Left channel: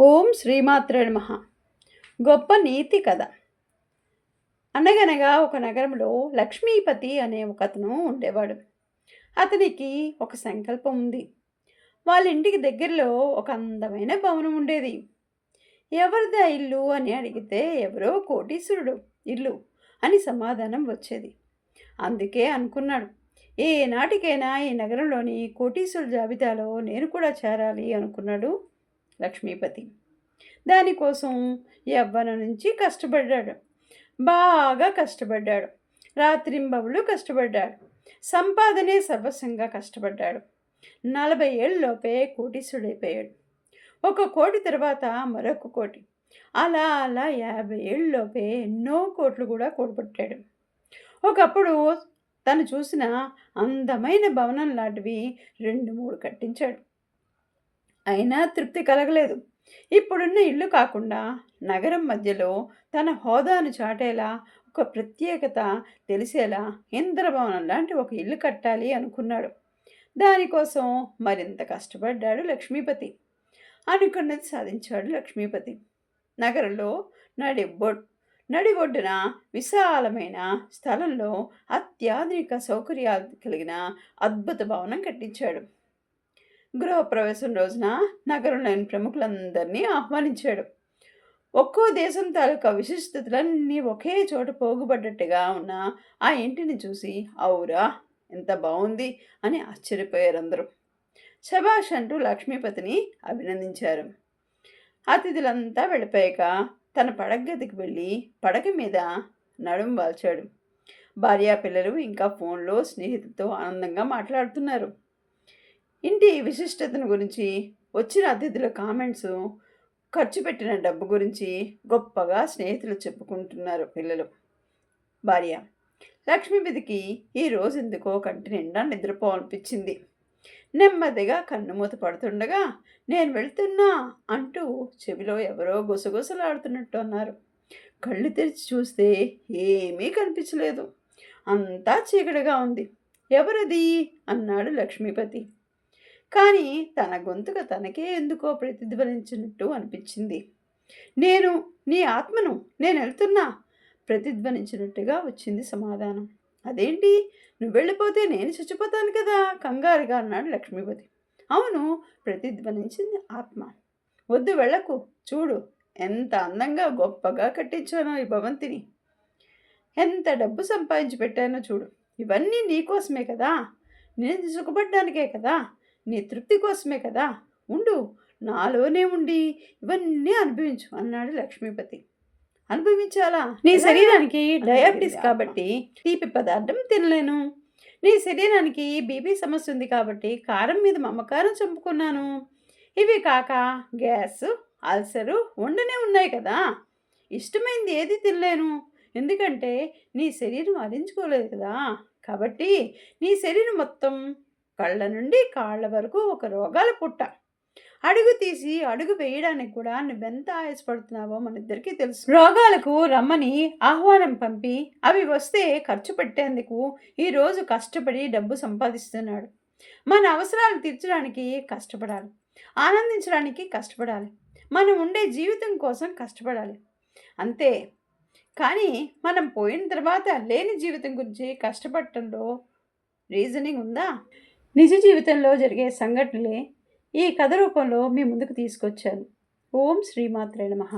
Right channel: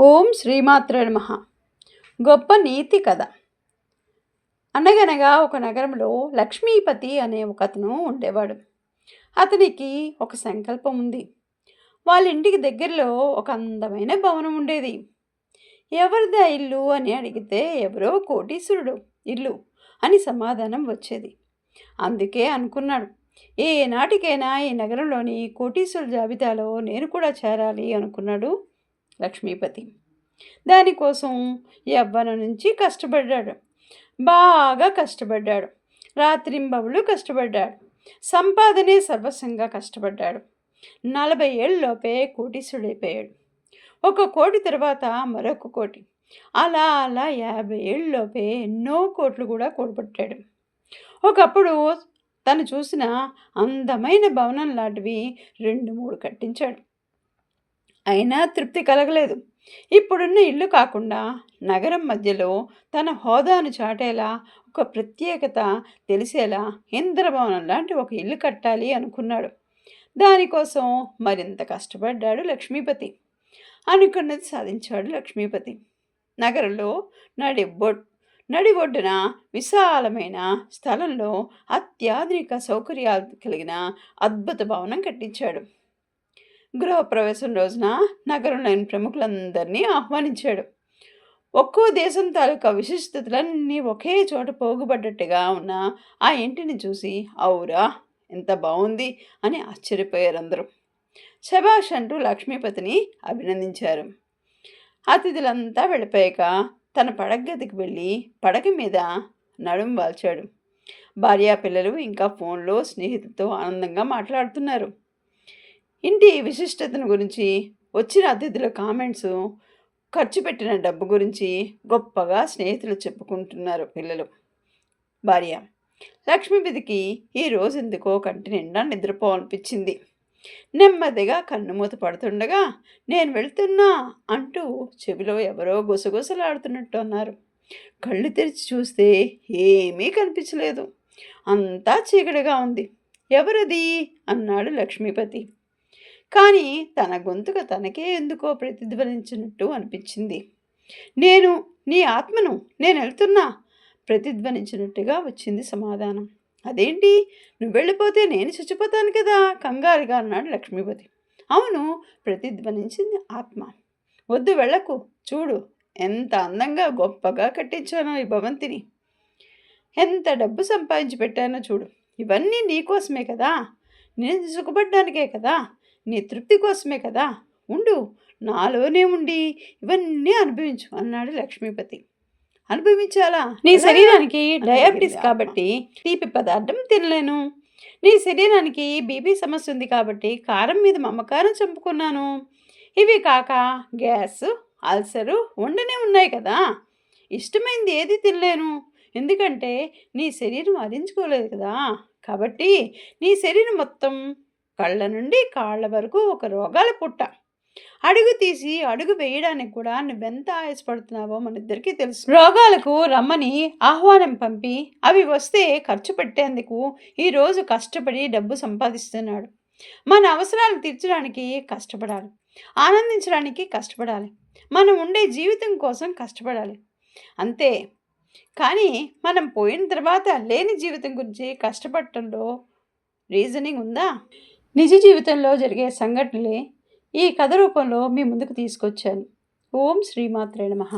ఓం శ్రీమాత్ర నమః. గొప్ప నీతి కథ. అనగనగా ఒక నగరంలో లక్ష్మీపతి అనే ఒక అతను ఉండేవాడు. అతనికి ఒక సంకల్పం ఉంది. వాళ్ళ ఇంటికి దగ్గరలో ఒక అందమైన భవనం ఉండేది. ఎవరిదా ఇల్లు అని అడిగితే ఎవరో కోటీశ్వరుడు ఇల్లు అని సమాధానం వచ్చేది. అందుకే అనుకున్నాడు. ఏనాటికైనా ఈ నగరంలోని కోటీశ్వరుల జాబితాలో నేను కూడా చేరాలి అనుకున్నాడు లక్ష్మీపతి. దానికోసం యవ్వన నుంచి కష్టపడ్డాడు. బాగా కష్టపడ్డాడు. రాత్రింబవులు కష్టపడ్డాడు. సంపాదనే సర్వస్వంగా కష్టపడ్డాడు. నలభై ఏళ్ళలోపే కోటీశ్వరుడైపోయాడు. ఒక కోటి తర్వాత మరొక కోటి. అలా అలా యాభై ఏళ్ళలోపే ఎన్నో కోట్లు కూడా కూడబట్టాడు ఒకప్పుడు తను చూసిన అందమైన భవనం లాంటివి రెండు మూడు కట్టించాడు. అయినా తృప్తి కలగలేదు. ఇప్పుడున్న ఇల్లు కాకుండా నగరం మధ్యలో తన హోదాను చాటేలా ఒక ప్రత్యేకత తెలిసేలా ఇంద్రభవనం లాంటి ఒక ఇల్లు కట్టాలి అనుకున్నాడు. దానికోసం మరింత కష్టపడ్డాడు లక్ష్మీపతి. అనుకున్నది సాధించాడు లక్ష్మీపతి. నగరంలో నడి నడి ఒడ్డున విశాలమైన స్థలంలో అత్యాధునిక సౌకర్యాలు కలిగిన అద్భుత భవనం కట్టించాడు. గృహప్రవేశం రోజున నగరంలోని ప్రముఖులందరినీ ఆహ్వానించాడు. ఒక్కో దేశం తాలూకా విశిష్టతలన్నీ ఒకే చోట పోగుబడ్డట్టుగా ఉన్న ఆ ఇంటిని చూసి అవురా ఎంత బాగుంది అని ఆశ్చర్యపోయారు అందరూ శభాష్ అంటూ లక్ష్మీపతిని అభినందించారు. అతిథులంతా వెళ్ళిపోయాక తన పడగదికి వెళ్ళి పడక మీద నడుం వాల్చాడు. భార్యా పిల్లలు ఇంకా ఫోన్లో స్నేహితులతో ఆనందంగా మాట్లాడుతున్నారు. ఇంటి విశిష్టతను గురించి వచ్చిన అతిథుల కామెంట్స్ ఖర్చు పెట్టిన డబ్బు గురించి గొప్పగా స్నేహితులు చెప్పుకుంటున్నారు పిల్లలు. భార్య లక్ష్మీపతికి ఈ రోజు ఎందుకో కంటి నిండా నిద్రపోవాలనిపించింది. నెమ్మదిగా కన్నుమూత పడుతుండగా నేను వెళ్తున్నా అంటూ చెవిలో ఎవరో గుసగుసలాడుతున్నట్టు అన్నారు. కళ్ళు తెరిచి చూస్తే ఏమీ కనిపించలేదు. అంతా చీకటిగా ఉంది. ఎవరది? అన్నాడు లక్ష్మీపతి. కానీ తన గొంతుక తనకే ఎందుకో ప్రతిధ్వనించినట్టు అనిపించింది. నేను నీ ఆత్మను నేను వెళ్తున్నా ప్రతిధ్వనించినట్టుగా వచ్చింది సమాధానం. అదేంటి? నువ్వు వెళ్ళిపోతే నేను చచ్చిపోతాను కదా? కంగారుగా అన్నాడు లక్ష్మీపతి. అవును ప్రతిధ్వనించింది ఆత్మ. వద్దు వెళ్ళకు. చూడు ఎంత అందంగా గొప్పగా కట్టించానో ఈ భవంతిని. ఎంత డబ్బు సంపాదించి పెట్టానో చూడు. ఇవన్నీ నీకోసమే కదా? నేను సుఖపడ్డానికే కదా? నీ తృప్తి కోసమే కదా. ఉండు నాలోనే ఉండి ఇవన్నీ అనుభవించు అన్నాడు లక్ష్మీపతి. అనుభవించాలా? నీ శరీరానికి డయాబెటీస్ కాబట్టి. తీపి పదార్థం తినలేను. నీ శరీరానికి బీపీ సమస్య ఉంది కాబట్టి కారం మీద మమకారం చంపుకున్నాను. ఇవి కాక గ్యాస్ అల్సరు ఉండనే ఉన్నాయి కదా. ఇష్టమైంది ఏది తినలేను. ఎందుకంటే నీ శరీరం అరించుకోలేదు కదా. కాబట్టి నీ శరీరం మొత్తం కళ్ళ నుండి కాళ్ళ వరకు ఒక రోగాల పుట్ట. అడుగు తీసి అడుగు వేయడానికి కూడా నువ్వెంత ఆయాసపడుతున్నావో మన ఇద్దరికీ తెలుసు. రోగాలకు రమ్మని ఆహ్వానం పంపి అవి వస్తే ఖర్చు పెట్టేందుకు ఈరోజు కష్టపడి డబ్బు సంపాదిస్తున్నాడు. మన అవసరాలు తీర్చడానికి కష్టపడాలి. ఆనందించడానికి కష్టపడాలి. మనం ఉండే జీవితం కోసం కష్టపడాలి. అంతే. కానీ మనం పోయిన తర్వాత లేని జీవితం గురించి కష్టపడటంలో రీజనింగ్ ఉందా? నిజ జీవితంలో జరిగే సంఘటనలే ఈ కథ రూపంలో మీ ముందుకు తీసుకొచ్చాను. ఓం శ్రీమాత్రే నమః.